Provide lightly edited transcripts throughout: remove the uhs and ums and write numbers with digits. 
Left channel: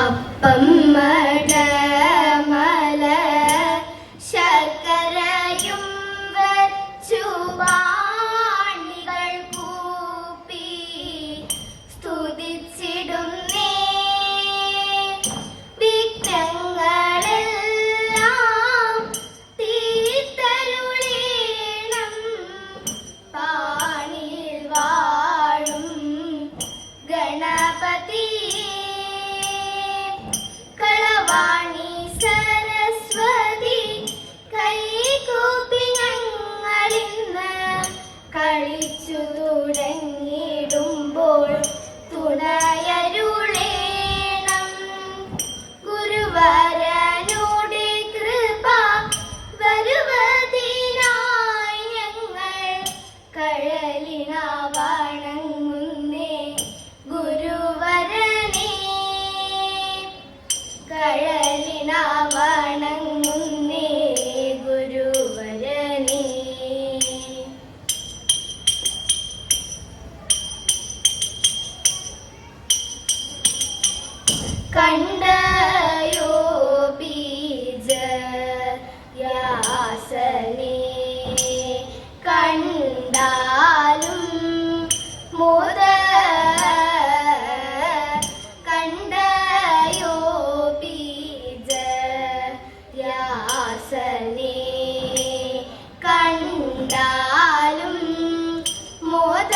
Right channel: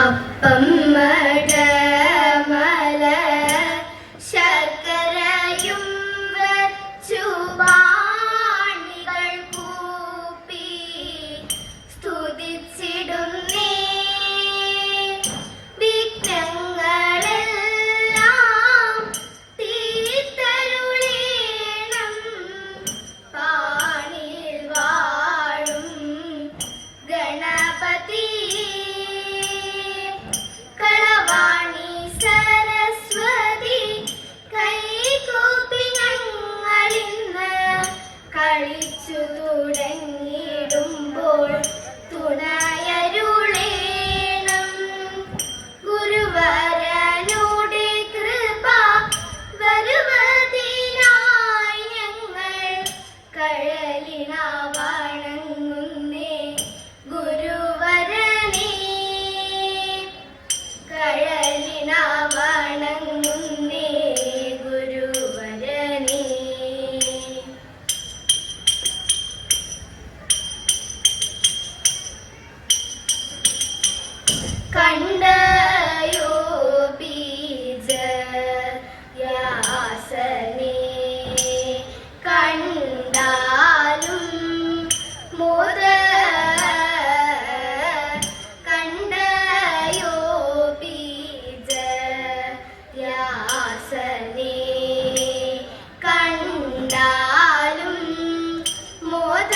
അപ്പം മടമല ശർക്കരയും വച്ചു വാണികൾ കൂപ്പി സ്തുതിച്ചിടുന്നേ. വിഘ്നങ്ങളെല്ലാം തീർത്തരുളേണം പാണിൽ വാഴും ഗണപതി. കളവാണി സരസ്വതി കൈകൂപ്പി ഞങ്ങളിന്ന് കളിച്ചു തുടങ്ങിടുമ്പോൾ തുണയരുളേണം. ഗുരുവരനുടെ കൃപ വരുവതിനായി ഞങ്ങൾ കഴലിന വണങ്ങുന്നേ. ഗുരുവരനെ കഴലിന വണങ്ങുന്നേ. ഗുരുവരനെ കണ്ടയോ ബീജയാസനെ കണ്ടാലും മുത കണ്ടയോ ബീജയാസനെ കണ്ടാലും മുത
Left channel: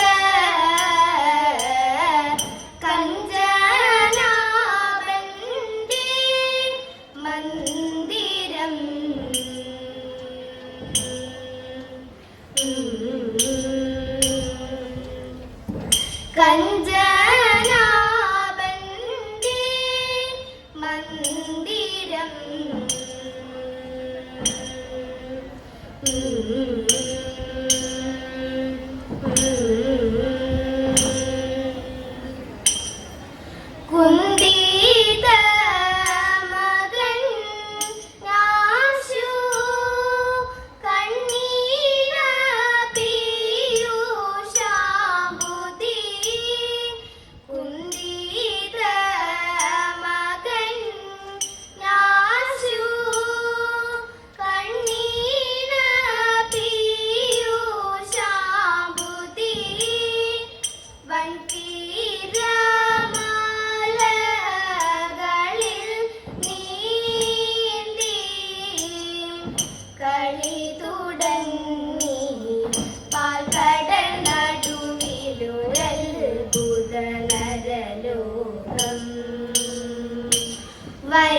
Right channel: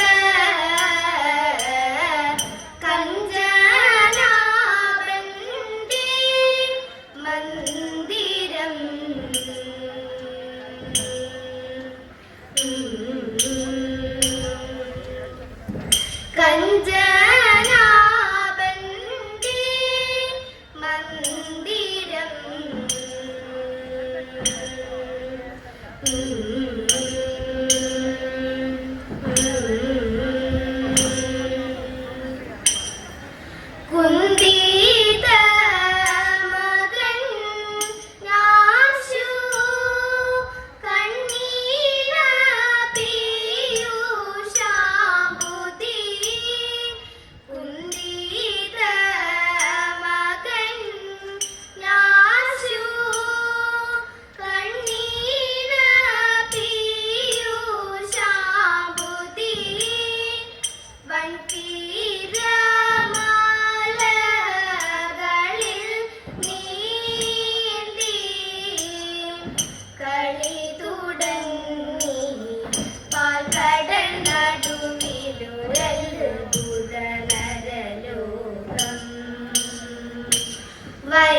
കഞ്ചനാഭന്റെ മന്ദിരം കഞ്ചനാഭന്റെ മന്ദിരം കുന്തിത മകൻ നാശു കണ്ണീര പീയൂഷാംബുധി. കുന്തിത മകൻ നാശു കണ്ണീര പീയൂഷാംബുധി. വൻതീരമാലകളിൽ നീന്തി കളി തുടങ്ങി പാൽക്കടൽ നടുവിലൊരത്ഭുത നരലോകം. വൈ